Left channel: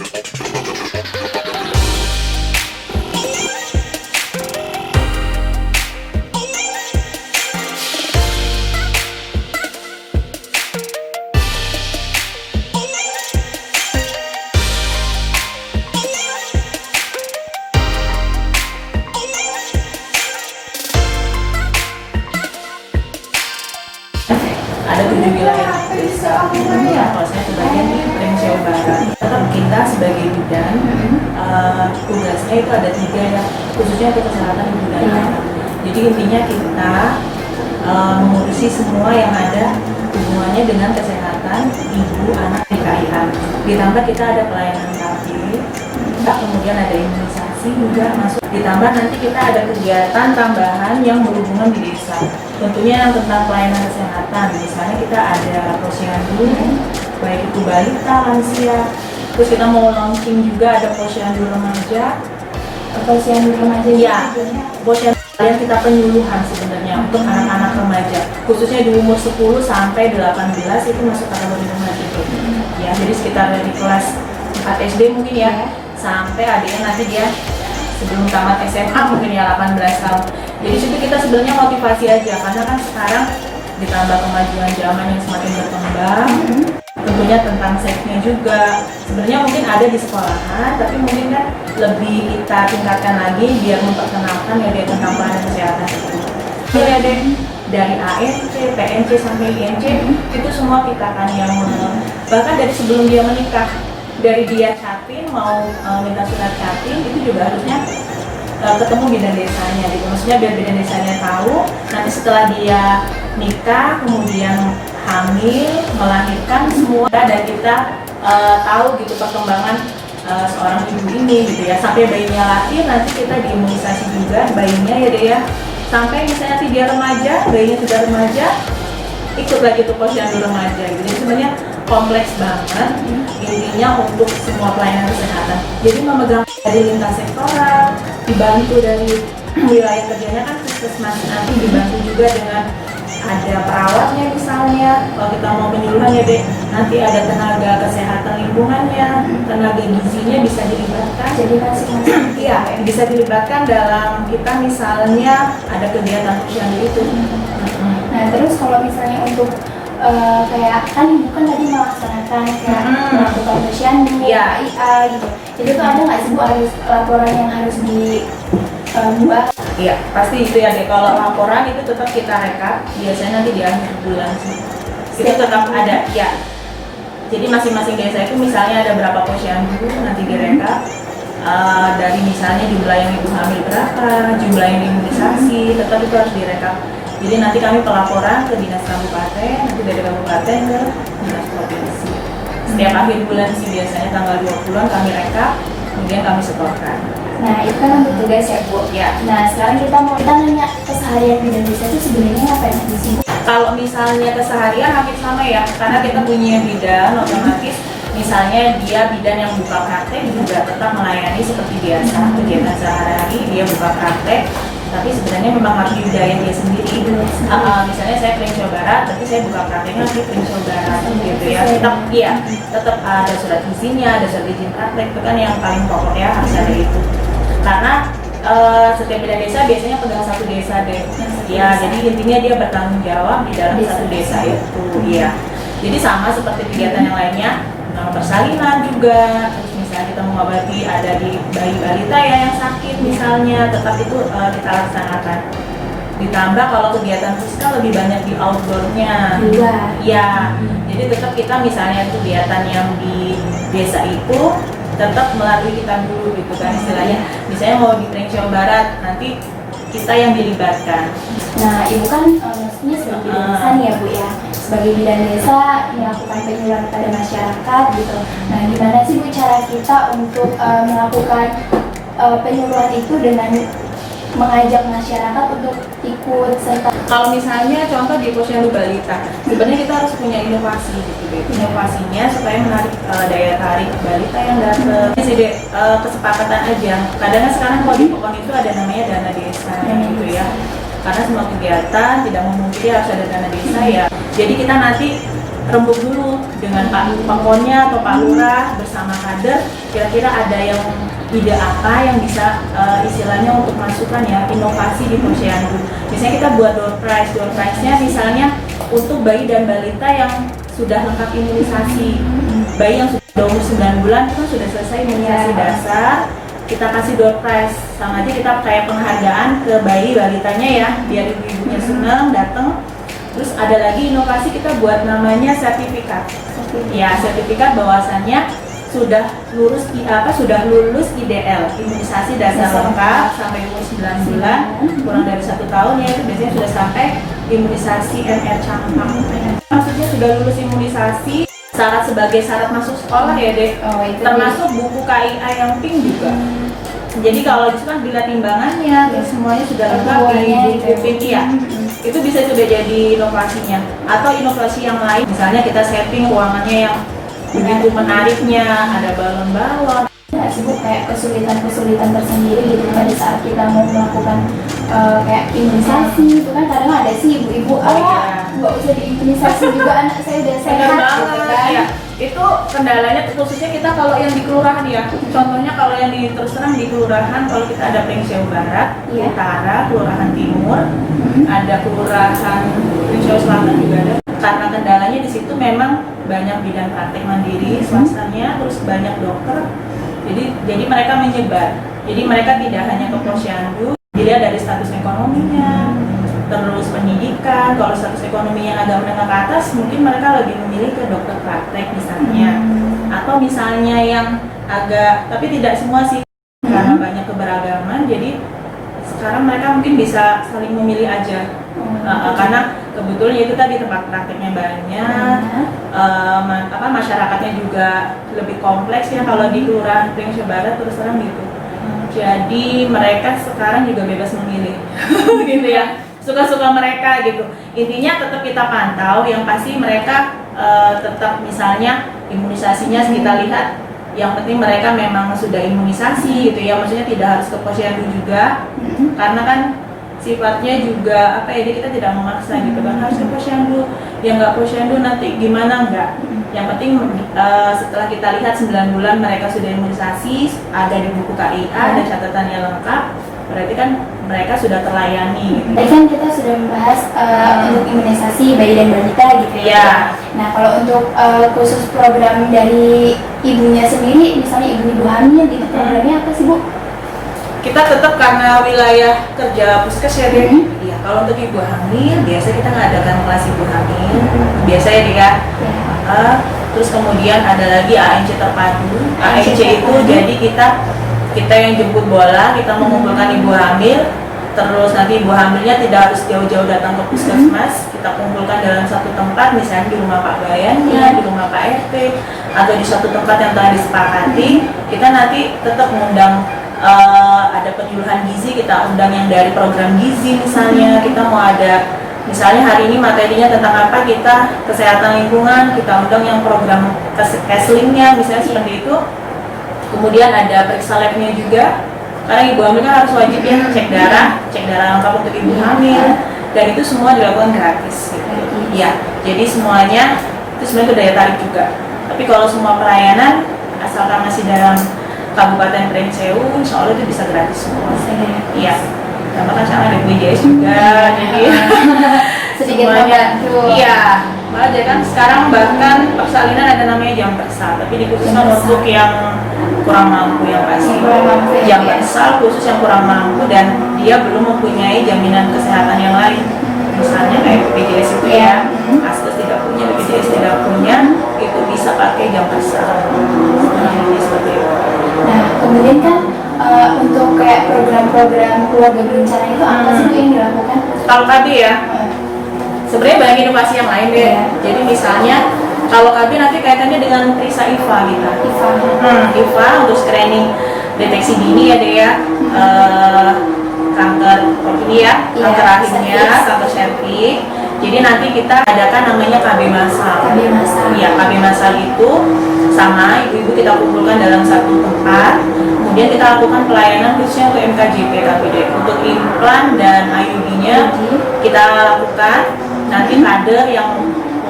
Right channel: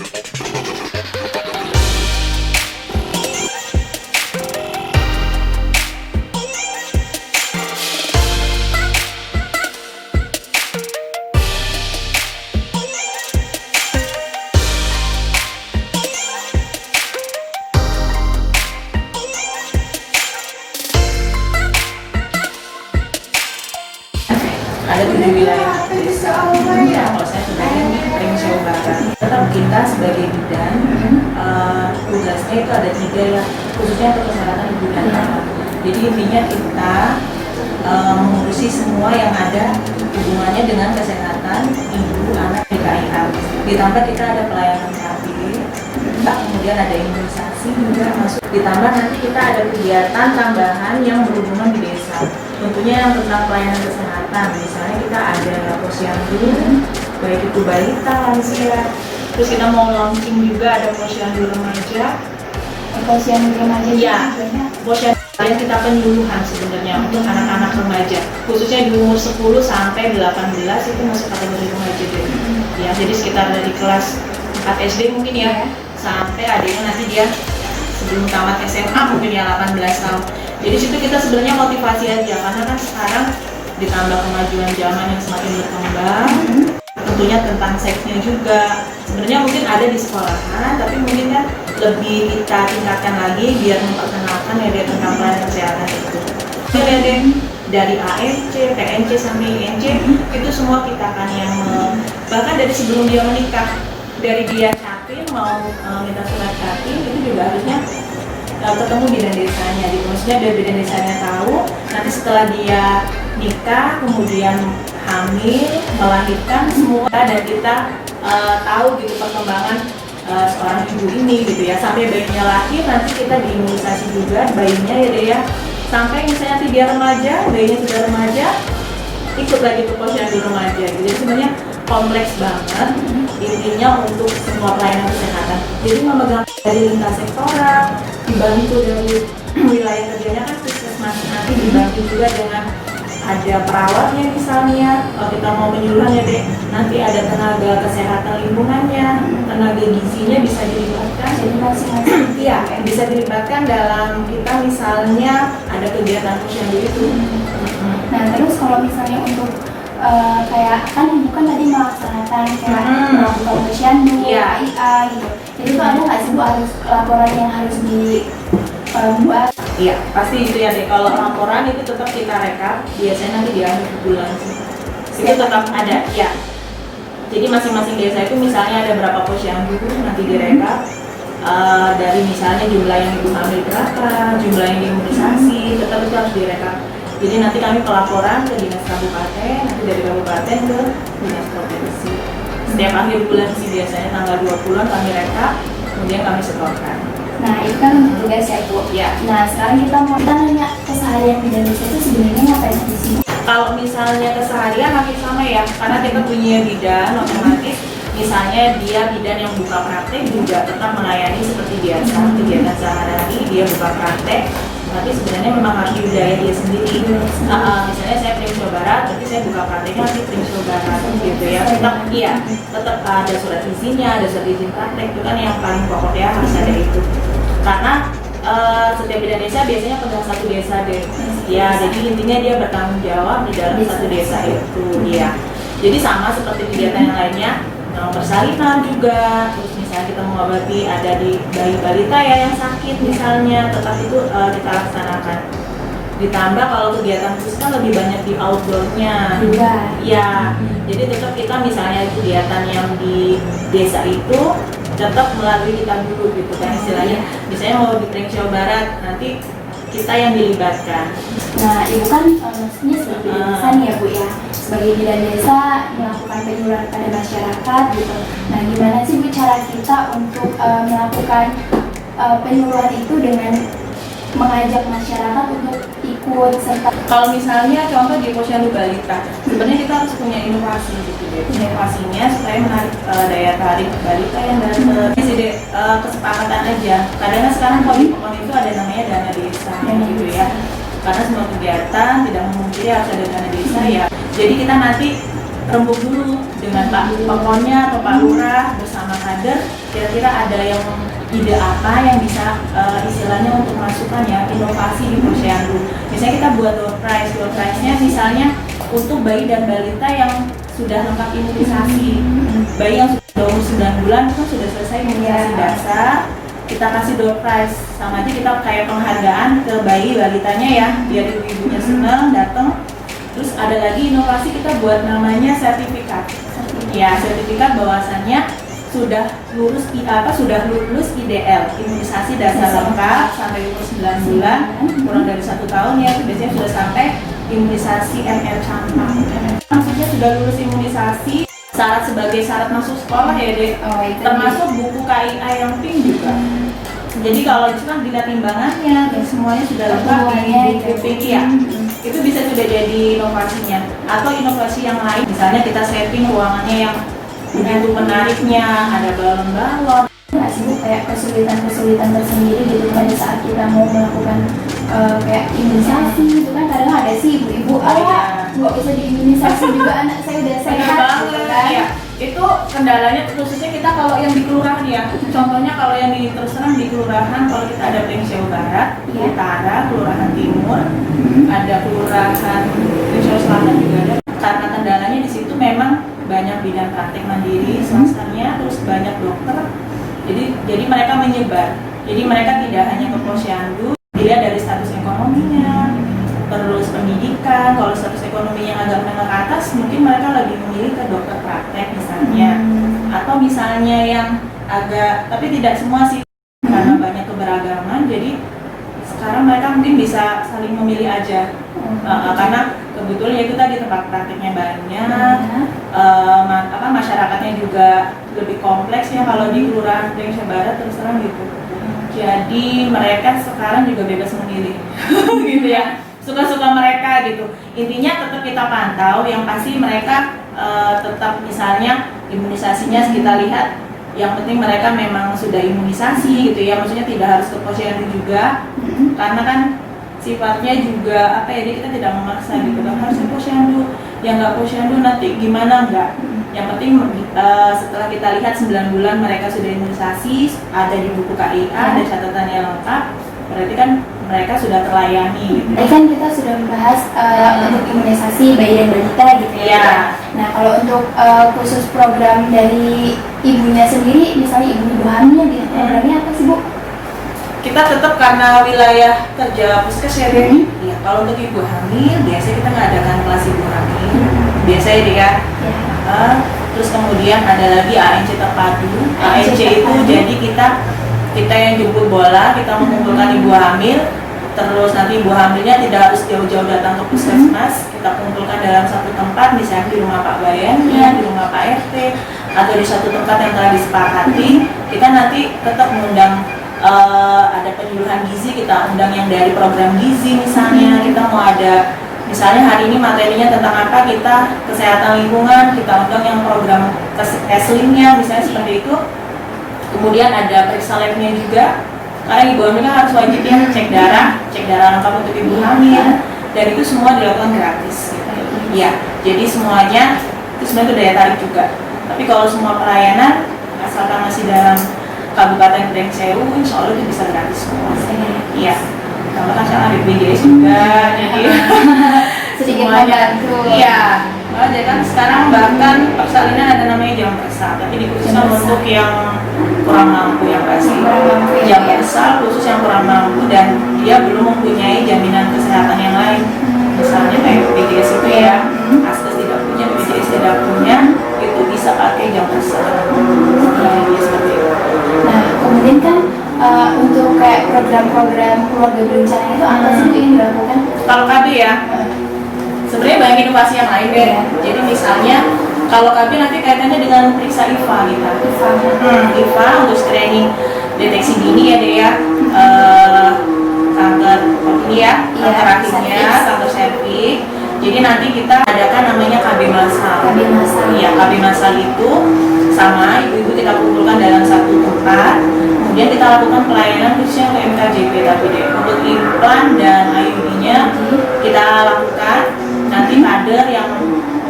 Ada 7 wilayah desa. Ya, kalau saya sebenarnya di Pringsewu Barat. Tetap kita sebagai bidan, tugasnya itu ada 3 ya, khususnya untuk kesehatan ibu dan anak. Jadi intinya kita mengurusi semua yang ada hubungannya dengan kesehatan ibu, anak di KIA. Ditambah kita ada pelayanan terapi, kemudian ada imunisasi juga masuk. Ditambah nanti kita ada kegiatan tambahan yang berhubungan di desa. Tentunya yang tentang pelayanan kesehatan, misalnya kita ada posyandu, baik itu balita, lansia. Terus kita mau launching juga ada posyandu remaja. Posyandu remaja ya, posyandu yang kita penyuluhan sebenarnya untuk anak-anak remaja, khususnya di umur 10 sampai 18 itu masuk kategori remaja gitu. Ya, jadi sekitar dari kelas 4 SD mungkin ya, sampai ada yang nanti dia sebelum tamat SMA mungkin ya 18 tahun. Jadi situ kita sebenarnya motivasi aja, karena kan sekarang ditambah kemajuan zaman yang semakin berkembang, tentunya tentang seksnya juga sebenarnya mungkin ada di sekolahan, tapi mungkin kan lebih kita tingkatkan lagi biar memperkenalkan ya dia tentang pelayanan kesehatan itu. Jadi ada dari ANC, PNC sampai INC itu semua kita kan yang bahkan dari sebelum dia menikah, dari dia chatting mau minta surat chatting itu juga harusnya ketemu bidan desanya gitu. Maksudnya biar bidan desanya tahu nanti setelah dia nikah kemudian hamil, melahirkan semua, dan kita tahu gitu perkembangan seorang ibu ini gitu ya, sampai bayinya lahir nanti kita diimunisasi juga bayinya ya deh ya, sampai misalnya nanti dia remaja, bayinya sudah remaja ikut lagi tuh posyandu remaja gitu. Jadi sebenarnya kompleks banget intinya untuk semua pelayanan kesehatan. Jadi memegang dari lintas sektoral, dibantu dari wilayah kerjanya kan puskesmas, nanti dibantu juga dengan ada perawatnya misalnya, kalau kita mau penyuluhan ya deh, nanti ada tenaga kesehatan lingkungannya, tenaga gizinya bisa dilibatkan. Jadi masing-masing iya, bisa dilibatkan dalam kita misalnya ada kegiatan posyandu itu. Nah terus kalau misalnya untuk kayak kan ibu kan tadi melaksanakan kayak melakukan posyandu, KIA gitu. Jadi tuh ada nggak sih Bu harus laporan yang harus dibuat? Iya, pasti itu ya deh. Kalau laporan itu tetap kita rekap, biasanya nanti di akhir bulan sih. Itu tetap ada, ya. Jadi masing-masing desa itu misalnya ada berapa posyandu nanti direkap. Dari misalnya jumlah yang ibu hamil berapa, jumlah yang diimunisasi, tetap itu harus direkap. Jadi nanti kami pelaporan ke dinas kabupaten, nanti dari kabupaten ke dinas provinsi. Setiap akhir bulan sih biasanya tanggal 20-an kami rekap, kemudian kami setorkan. Nah itu kan untuk tugas ya Bu. Ya. Nah sekarang kita nanya keseharian bidan desa itu sebenarnya ngapain sih? Kalau misalnya keseharian hampir sama ya, karena kita punya bidan otomatis. Misalnya dia bidan yang buka praktek juga tetap melayani seperti biasa, kegiatan sehari-hari dia buka praktek, tapi sebenarnya memang harus dibiayai dia sendiri. Misalnya saya Pringsewu Barat, tapi saya buka prakteknya di Pringsewu Barat gitu ya. Tetap ada surat izinnya, ada surat izin praktek, itu kan yang paling pokok ya, harus ada itu. Karena setiap bidan desa biasanya pegang satu desa deh. Ya, jadi intinya dia bertanggung jawab di dalam satu desa itu. Ya. Jadi sama seperti kegiatan yang lainnya. Persalinan juga, terus misalnya kita mengobati ada di bayi balita ya yang sakit misalnya, tetap itu kita laksanakan. Ditambah kalau kegiatan puska lebih banyak di outdoornya, ya. Jadi tetap kita misalnya kegiatan yang di desa itu tetap melalui kita dulu gitu kan istilahnya. Misalnya mau di Pringsewu Barat nanti kita yang dilibatkan. Nah ibu kan maksudnya sebagai bidan desa nih ya Bu ya, sebagai bidan desa melakukan penyuluhan kepada masyarakat gitu. Nah gimana sih Bu cara kita untuk melakukan penyuluhan itu dengan mengajak masyarakat untuk ikut serta? Kalau misalnya contoh di posyandu balita, sebenarnya kita harus punya inovasi gitu deh. Inovasinya supaya menarik daya tarik balita yang datang. Ini sih deh kesepakatan aja. Kadang sekarang kalau di Pokon itu ada namanya dana desa gitu ya. Karena semua kegiatan tidak memungkiri harus ada dana desa ya. Jadi kita nanti rembuk dulu dengan Pak Pangkonnya atau Pak Lurah bersama kader, kira-kira ada yang ide apa yang bisa istilahnya untuk masukkan ya inovasi di posyandu. Misalnya kita buat door prize-nya misalnya untuk bayi dan balita yang sudah lengkap imunisasi. Bayi yang sudah umur 9 bulan itu kan sudah selesai imunisasi dasar, kita kasih door prize, sama aja kita kayak penghargaan ke bayi balitanya ya, biar ibu-ibunya senang datang. Terus ada lagi inovasi kita buat namanya sertifikat. Ya, sertifikat bahwasannya sudah lulus IDL, imunisasi dasar lengkap sampai umur 9 bulan, kurang dari 1 tahun ya, itu biasanya sudah sampai imunisasi MR campak. Maksudnya sudah lulus imunisasi, syarat sebagai syarat masuk sekolah ya Dek, termasuk buku KIA yang pink juga. Jadi kalau itu kan dilihat timbangannya, terus semuanya sudah lengkap di buku pink ya. Itu bisa sudah jadi inovasinya. Atau inovasi yang lain, misalnya kita setting ruangannya yang begitu menariknya, ada balon-balon. Nggak sih Bu, kayak kesulitan tersendiri gitu pada saat kita mau melakukan kayak imunisasi itu kan kadang ada sih ibu-ibu, nggak usah diimunisasi juga anak saya udah sehat gitu kan. Ya. Itu kendalanya khususnya kita kalau yang di kelurahan ya. Contohnya kalau yang terus terang di kelurahan, kalau kita ada Pringseu Barat, Utara, Kelurahan Timur, ada Kelurahan Pringseu Selatan juga ada. Karena kendalanya di situ memang banyak bidan praktek mandiri swastanya, terus banyak dokter. Jadi mereka menyebar. Jadi mereka tidak hanya ke posyandu, dilihat dari status ekonominya, terus pendidikan. Kalau status ekonominya agak menengah ke atas, mungkin mereka lebih memilih ke dokter praktek misalnya, atau misalnya yang agak, tapi tidak semua sih, karena banyak keberagaman. Jadi sekarang mereka mungkin bisa saling memilih aja, karena kebetulan itu tadi tempat prakteknya banyak, masyarakatnya juga lebih kompleks ya kalau di Kelurahan Pringseu Barat terus terang gitu. Jadi mereka sekarang juga bebas memilih, gitu ya. Suka-suka mereka gitu. Intinya tetap kita pantau, yang pasti mereka tetap misalnya imunisasinya kita lihat, yang penting mereka memang sudah imunisasi gitu ya, maksudnya tidak harus ke posyandu juga, karena kan sifatnya juga kita tidak memaksa gitu kan, harus ke posyandu, yang nggak posyandu nanti gimana enggak. Yang penting setelah kita lihat 9 bulan mereka sudah imunisasi, ada di buku KIA, ada catatannya lengkap, berarti kan mereka sudah terlayani gitu. Tadi kan kita sudah membahas untuk imunisasi bayi dan balita gitu ya. Nah kalau untuk khusus program dari ibunya sendiri, misalnya ibu hamil gitu, programnya apa sih Bu? Kita tetap karena wilayah kerja puskes ya Dek. Ya, kalau untuk ibu hamil biasa kita ngadakan kelas ibu hamil, biasa ya Dek ya. Terus kemudian ada lagi ANC terpadu. ANC itu jadi kita yang jemput bola, kita mengumpulkan ibu hamil, terus nanti ibu hamilnya tidak harus jauh-jauh datang ke puskesmas, kita kumpulkan dalam satu tempat, misalnya di rumah Pak Bayannya, di rumah Pak RT, atau di suatu tempat yang telah disepakati. Kita nanti tetap mengundang, ada penyuluhan gizi, kita undang yang dari program gizi misalnya, kita mau ada, misalnya hari ini materinya tentang apa, kita kesehatan lingkungan, kita undang yang program keslingnya misalnya seperti itu. Kemudian ada periksa labnya juga, karena ibu hamil kan harus wajib ya cek darah lengkap untuk ibu hamil, dan itu semua dilakukan gratis gitu. Ya, jadi semuanya itu sebenarnya daya tarik juga. Tapi kalau semua pelayanan asalkan masih dalam Kabupaten Pringseu, insya Allah itu bisa gratis semua. Iya, tambah kan sekarang ada BPJS juga, jadi sedikit semuanya. membantu. Iya. Jadi kan sekarang bahkan persalinan ada namanya jam bersal, tapi dikhususkan untuk yang kurang mampu yang pasti. Jam bersal khusus yang kurang mampu dan dia belum mempunyai jaminan kesehatan yang lain. Misalnya kayak BPJS itu ya, Askes tidak punya, BPJS tidak punya, itu bisa pakai jam bersal. Jadi seperti itu. Nah kemudian kan untuk kayak program-program keluarga berencana itu apa sih Bu yang dilakukan? Kalau KB ya, sebenarnya banyak inovasi yang lain deh. Jadi misalnya kalau KB nanti kaitannya dengan periksa IVA gitu. IVA untuk screening deteksi dini ya deh ya. Kanker kanker rahimnya, kanker serviks. Jadi nanti kita adakan namanya KB Masal. Iya, KB Masal itu sama ibu-ibu kita kumpulkan dalam satu tempat. Kemudian kita lakukan pelayanan khususnya untuk MKJP tapi deh. Untuk implan dan IUD-nya kita lakukan. Nanti kader yang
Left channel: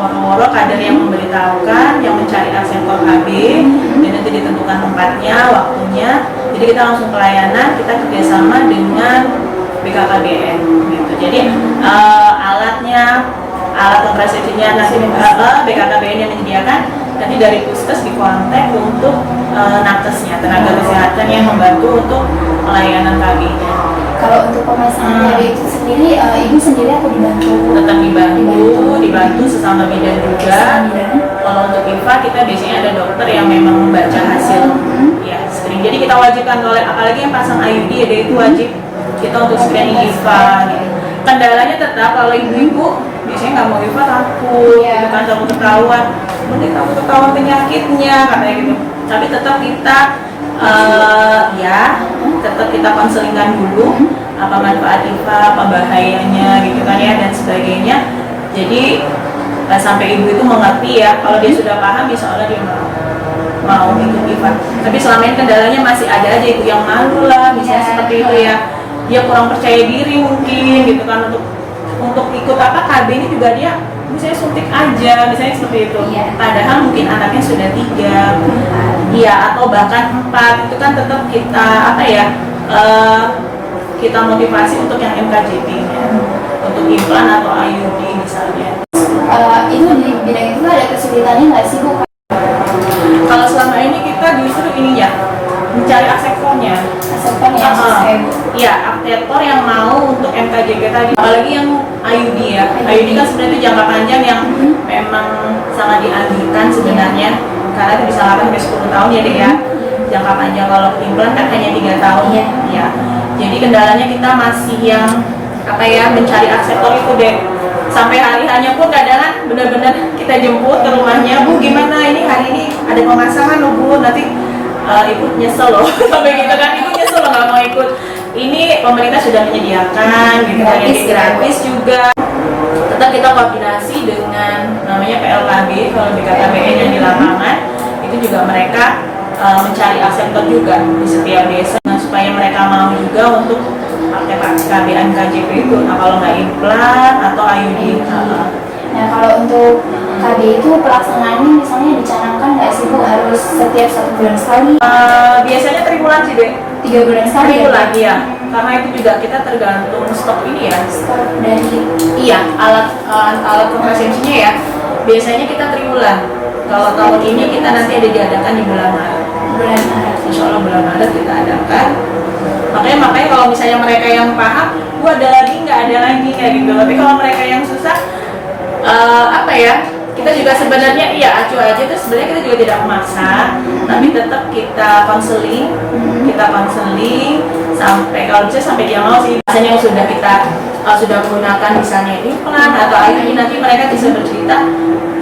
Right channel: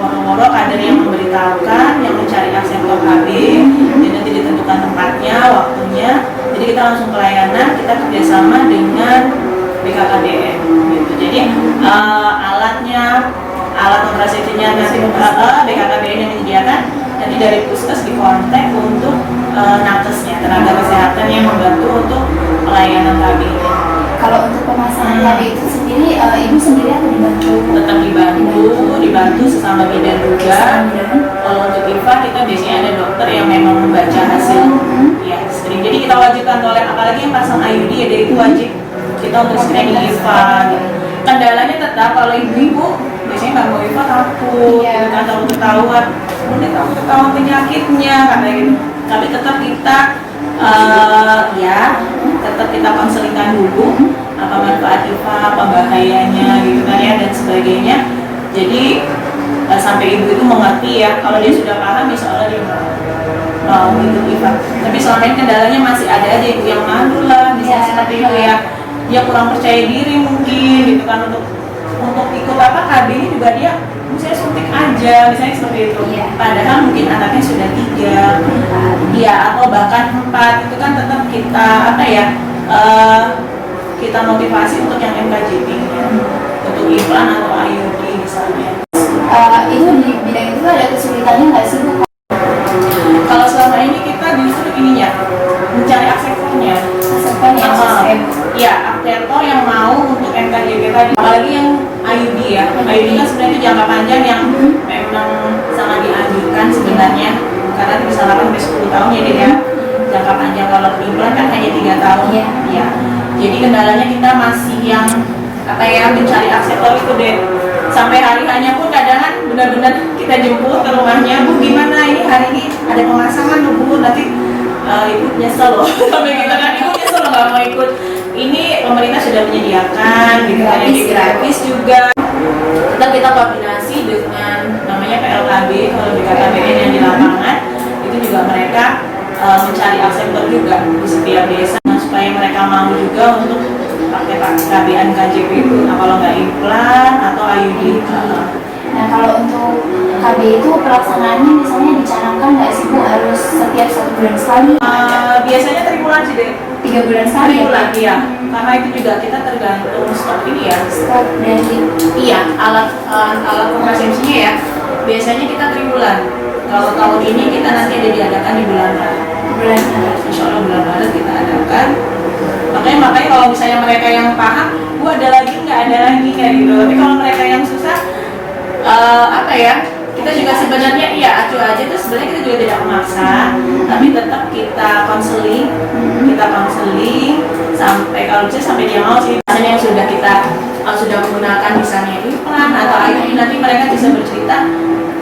woro-woro kader yang memberitahukan, yang mencari akseptor KB, dan nanti ditentukan tempatnya, waktunya. Jadi kita langsung pelayanan, kita kerjasama dengan BKKBN gitu. Jadi alat kontrasepsinya nanti BKKBN yang menyediakan, nanti dari puskes dikontak untuk nakesnya, tenaga kesehatan yang membantu untuk pelayanan KB. Kalau untuk pemasangan hari itu sendiri, ibu sendiri atau dibantu? Tetap dibantu sesama bidan juga. Kalau untuk IFA kita biasanya ada dokter yang memang membaca hasil ya screening. Jadi kita wajibkan, oleh apalagi yang pasang IUD ya, dia itu wajib kita untuk screening IFA gitu. Kendalanya tetap kalau ibu-ibu biasanya nggak mau IFA, takut gitu kan, takut ketahuan, mending takut ketahuan penyakitnya katanya gitu. Tapi tetap kita tetap kita konselingkan dulu apa manfaat IFA, apa bahayanya gitu kan ya, dan sebagainya. Jadi sampai ibu itu mengerti ya, kalau dia sudah paham insya Allah dia mau ikut IFA. Tapi selama ini kendalanya masih ada aja ibu yang malu lah, misalnya seperti itu ya, dia kurang percaya diri mungkin gitu kan, untuk ikut apa KB ini juga dia misalnya suntik aja, misalnya seperti itu. Padahal mungkin anaknya sudah 3, atau bahkan 4, itu kan tetap kita kita motivasi untuk yang MKJP-nya, untuk implan atau IUD misalnya. Itu di bidang itu ada kesulitannya nggak sih Bu? Kalau selama ini kita justru ininya mencari akseptornya. Akseptor yang mau untuk MKJP tadi, apalagi yang IUD ya. IUD kan sebenarnya jangka panjang yang memang sangat dianjurkan sebenarnya, karena bisa 8-10 tahun ya deh ya, jangka panjang. Kalau implan kan hanya 3 tahun ya. Jadi kendalanya kita masih yang mencari akseptor itu deh. Sampai hari hanya pun kadang benar-benar kita jemput ke rumahnya, Bu gimana ini hari ini ada pemasangan loh Bu, nanti ibu nyesel loh sampai gitu kan, ibu nyesel loh nggak mau ikut. Ini pemerintah sudah menyediakan gitu kan, jadi gratis juga. Tetap kita koordinasi dengan namanya PLKB, kalau BKKBN yang di lapangan itu juga mereka mencari akseptor juga di setiap desa, supaya mereka mau juga untuk pakai KBN KJP itu. Nah kalau nggak implan atau IUD. Nah kalau untuk KB itu pelaksanaannya misalnya dicanangkan nggak sih Bu, harus setiap 1 bulan sekali? Biasanya tribulan sih deh. 3 bulan sekali. Tribulan ya. Karena itu juga kita tergantung stok ini ya. Stok dari alat kontrasepsinya ya. Biasanya kita tribulan. Kalau tahun ini kita nanti ada diadakan di bulan Maret. Insya Allah bulan Maret kita adakan. Makanya kalau misalnya mereka yang paham, gua ada lagi nggak ada lagi kayak gitu. Tapi kalau mereka yang susah, kita juga sebenarnya acuh aja itu sebenarnya kita juga tidak memaksa, tapi tetap kita konseling sampai kalau bisa sampai dia mau sih. Misalnya yang sudah kita sudah menggunakan misalnya implan atau IUD, nanti mereka bisa bercerita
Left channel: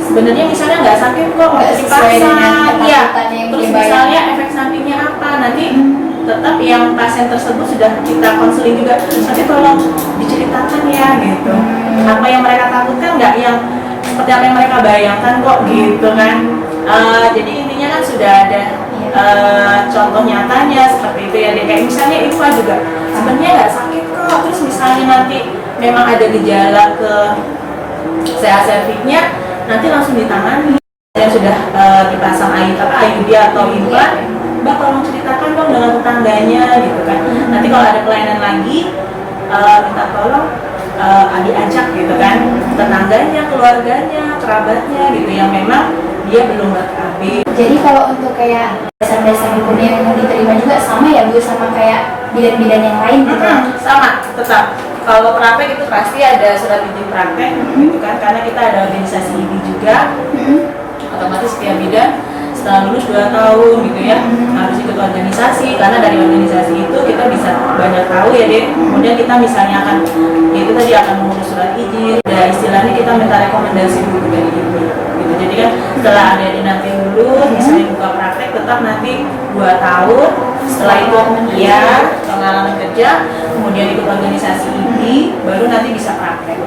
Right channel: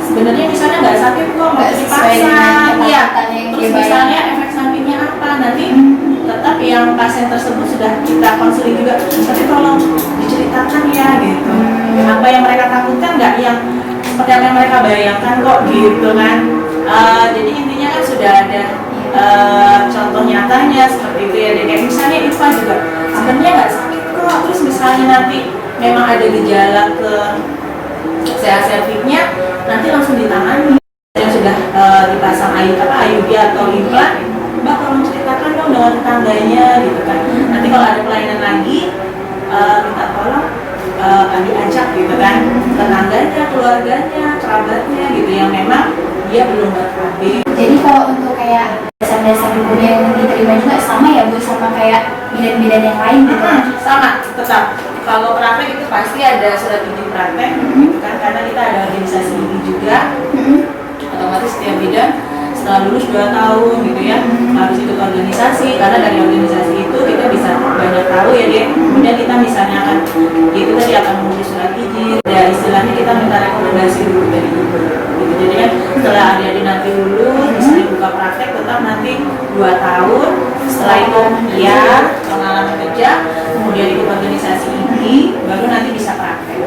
sebenarnya misalnya nggak sakit kok waktu dipasang, terus misalnya efek sampingnya apa, nanti tetap yang pasien tersebut sudah kita konseling juga, nanti tolong diceritakan ya gitu, apa yang mereka takutkan nggak yang seperti apa yang mereka bayangkan kok gitu kan. Jadi intinya kan sudah ada contoh nyatanya seperti itu ya, kayak misalnya IFA juga sebenarnya nggak sakit kok, terus misalnya nanti memang ada gejala ke CA cervixnya, nanti langsung ditangani. Yang sudah dipasang IUD atau implan, Mbak tolong ceritakan dong dengan tetangganya gitu kan. Nanti kalau ada pelayanan lagi, minta tolong diajak gitu kan, tetangganya, keluarganya, kerabatnya gitu yang memang dia belum KB. Jadi kalau untuk kayak dasar-dasar dunia yang diterima juga sama ya Bu, sama kayak bidan-bidan yang lain gitu? Sama, tetap. Kalau praktek itu pasti ada surat izin praktek gitu kan, karena kita ada organisasi ini juga. Otomatis setiap bidan setelah lulus 2 tahun gitu ya harus ikut organisasi, karena dari organisasi itu kita bisa banyak tahu ya deh. Kemudian kita misalnya akan mengurus surat izin, ya istilahnya kita minta rekomendasi dulu dari ibu gitu. Jadi kan setelah adik nanti lulus misalnya buka praktek, tetap nanti 2 tahun setelah itu pengalaman kerja, kemudian ikut organisasi ini, baru nanti bisa praktek.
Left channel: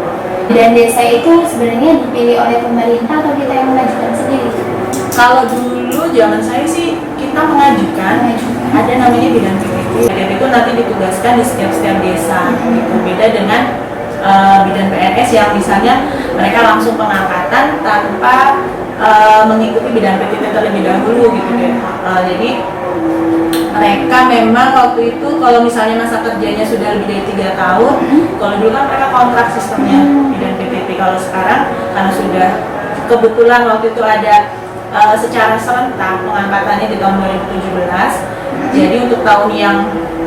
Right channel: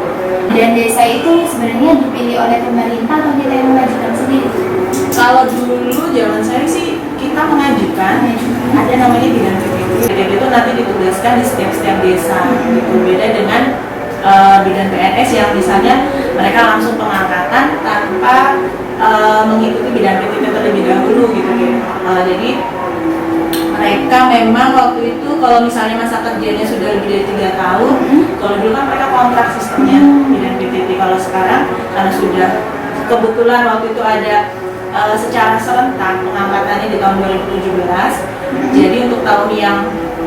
Dan desa itu sebenarnya dipilih oleh pemerintah atau kita yang mengajukan sendiri? Kalau dulu zaman saya sih kita mengajukan, ada namanya bidan PPT. Bidan itu nanti ditugaskan di setiap desa gitu. Beda dengan bidan PNS yang misalnya mereka langsung pengangkatan tanpa mengikuti bidang PTT terlebih dahulu gitu ya. Jadi mereka memang waktu itu kalau misalnya masa kerjanya sudah lebih dari 3 tahun, kalau dulu kan mereka kontrak sistemnya bidang PTT. Kalau sekarang karena sudah kebetulan waktu itu ada secara serentak pengangkatannya di tahun 2017. Jadi untuk tahun yang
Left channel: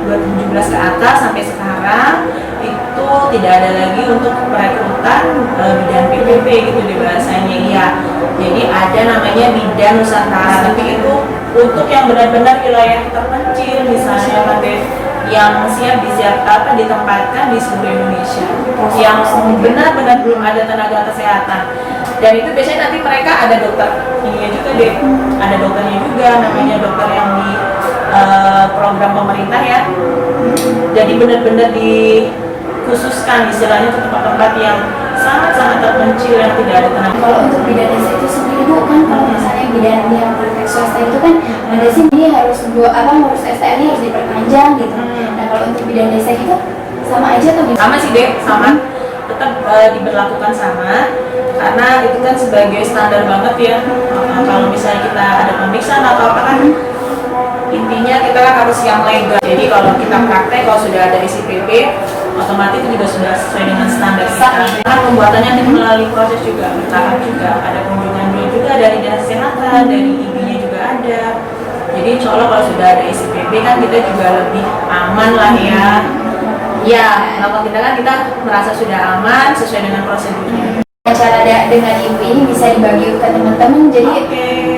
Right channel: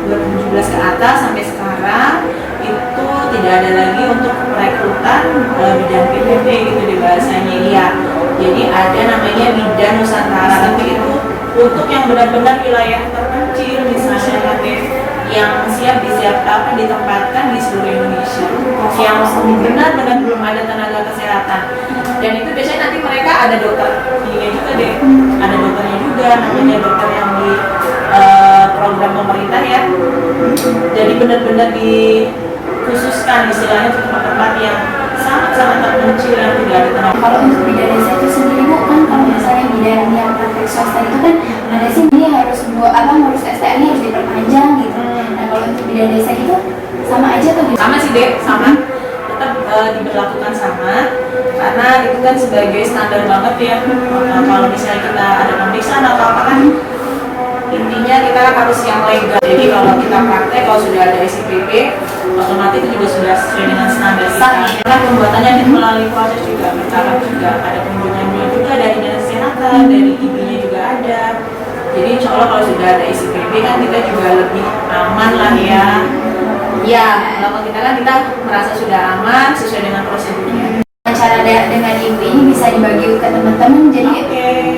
2017 ke atas sampai sekarang itu tidak ada lagi untuk perekrutan bidang PTT gitu di bahasanya ya. Jadi ada namanya bidang Nusantara, tapi itu untuk yang benar-benar wilayah terpencil misalnya Mate, yang ditempatkan di seluruh Indonesia, yang benar-benar belum ada tenaga kesehatan. Dan itu biasanya nanti mereka ada dokter ininya juga deh, ada dokternya juga, namanya dokter yang di program pemerintah ya. Jadi benar-benar dikhususkan istilahnya untuk tempat-tempat yang sangat-sangat terpencil yang tidak ada tenaga. Kalau untuk bidan desa itu sendiri Bu, kan kalau misalnya bidan yang praktek swasta itu kan ada sih ini harus harus STR-nya harus diperpanjang gitu. Nah kalau untuk bidan desa itu sama aja atau gimana? Sama sih deh, sama, tetap diberlakukan sama, karena itu kan sebagai standar banget ya. Kalau misalnya kita ada pemeriksaan atau apa kan, intinya kita harus yang legal. Jadi kalau kita praktek, kalau sudah ada SIPP, otomatis itu juga sudah sesuai dengan standar kita. Kan pembuatannya nanti melalui proses juga, bertahap juga, ada kunjungan juga dari dinas kesehatan, dari IB-nya juga ada. Jadi insya Allah kalau sudah ada SIPP kan kita juga lebih aman lah ya. Ya, kalau kita kan kita merasa sudah aman sesuai dengan prosedurnya. Cara dengan ibu ini bisa dibagi ke teman-teman, jadi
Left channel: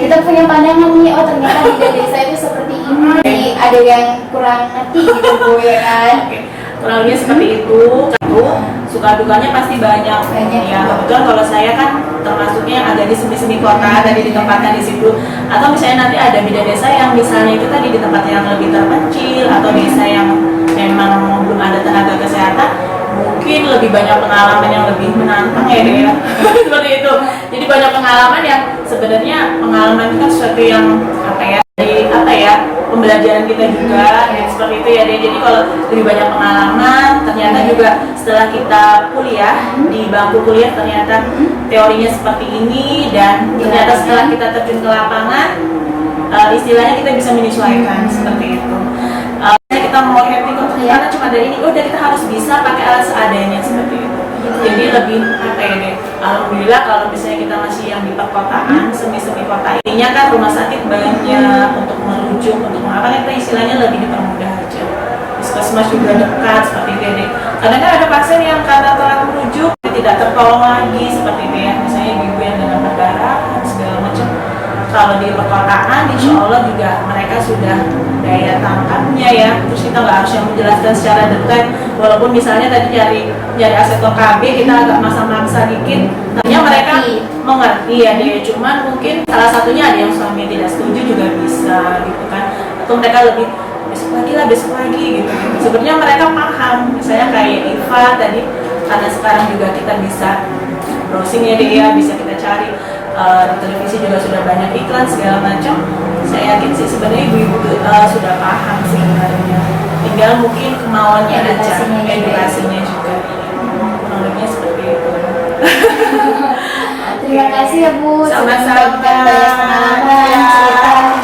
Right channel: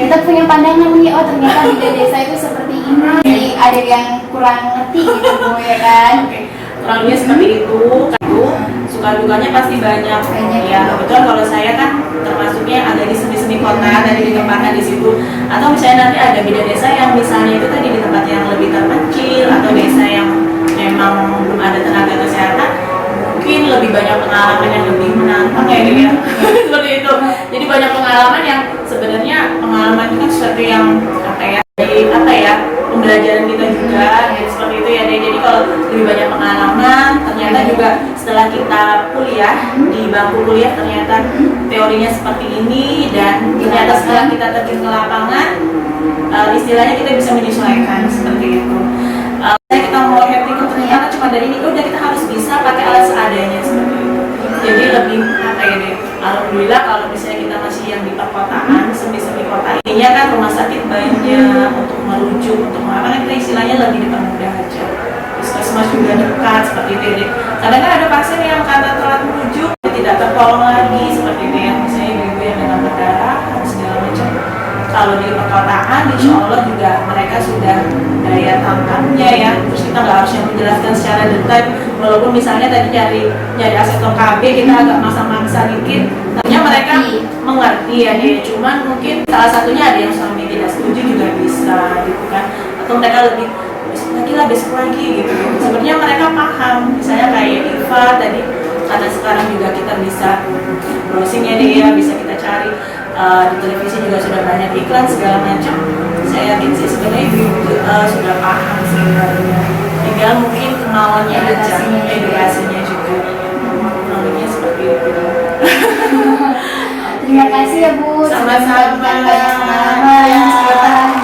kita punya pandangan nih, oh ternyata bidan desa itu seperti ini. Jadi ada yang kurang ngerti gitu Bu ya kan. Kurang lebih seperti itu. Suka dukanya pasti banyak. Ya kebetulan kalau saya kan termasuknya ada di seni kota, tadi ditempatkan di situ. Atau misalnya nanti ada bidan desa yang misalnya itu tadi di tempat yang lebih terpencil, atau desa yang memang belum ada tenaga kesehatan, mungkin lebih banyak pengalaman yang lebih menantang ya ya. Seperti itu. Jadi banyak pengalaman yang sebenarnya pengalaman itu kan sesuatu yang pembelajaran kita juga ya, seperti itu ya deh. Jadi kalau lebih banyak pengalaman, ternyata juga setelah kita kuliah di bangku kuliah ternyata teorinya seperti ini, dan ternyata setelah kita terjun ke lapangan istilahnya kita bisa menyesuaikan seperti itu. Kita mau happy ternyata cuma dari ini, udah kita harus bisa pakai alat seadanya seperti itu. Jadi lebih alhamdulillah kalau misalnya kita masih yang di perkotaan, semi kota ininya kan rumah sakit banyak untuk merujuk, untuk mengapa kita istilahnya lebih dipermudah aja. Puskesmas juga dekat seperti itu ya. Kadang kan ada pasien yang karena telat merujuk tidak tertolong lagi seperti itu ya, misalnya ibu yang dengan berdarah segala macam. Kalau di perkotaan insya Allah juga mereka sudah daya tangkapnya ya, terus kita nggak harus yang menjelaskan secara detail, walaupun misalnya tadi cari asesor KB kita agak maksa dikit, ternyata mereka mengerti ya nih. Cuman mungkin salah satunya ada yang suami tidak setuju juga bisa gitu kan, atau mereka lebih besok lagi gitu. Sebenarnya mereka paham, misalnya kayak Iva tadi, karena sekarang juga kita bisa browsing ya deh ya, bisa kita cari di televisi juga sudah banyak iklan segala macam. Saya yakin sih sebenarnya ibu sudah paham sebenarnya, tinggal mungkin kemauannya aja, edukasinya juga. Kurangnya seperti itu. Terima kasih ya Bu, Sama-sama. sudah membagikan banyak pengalaman cerita.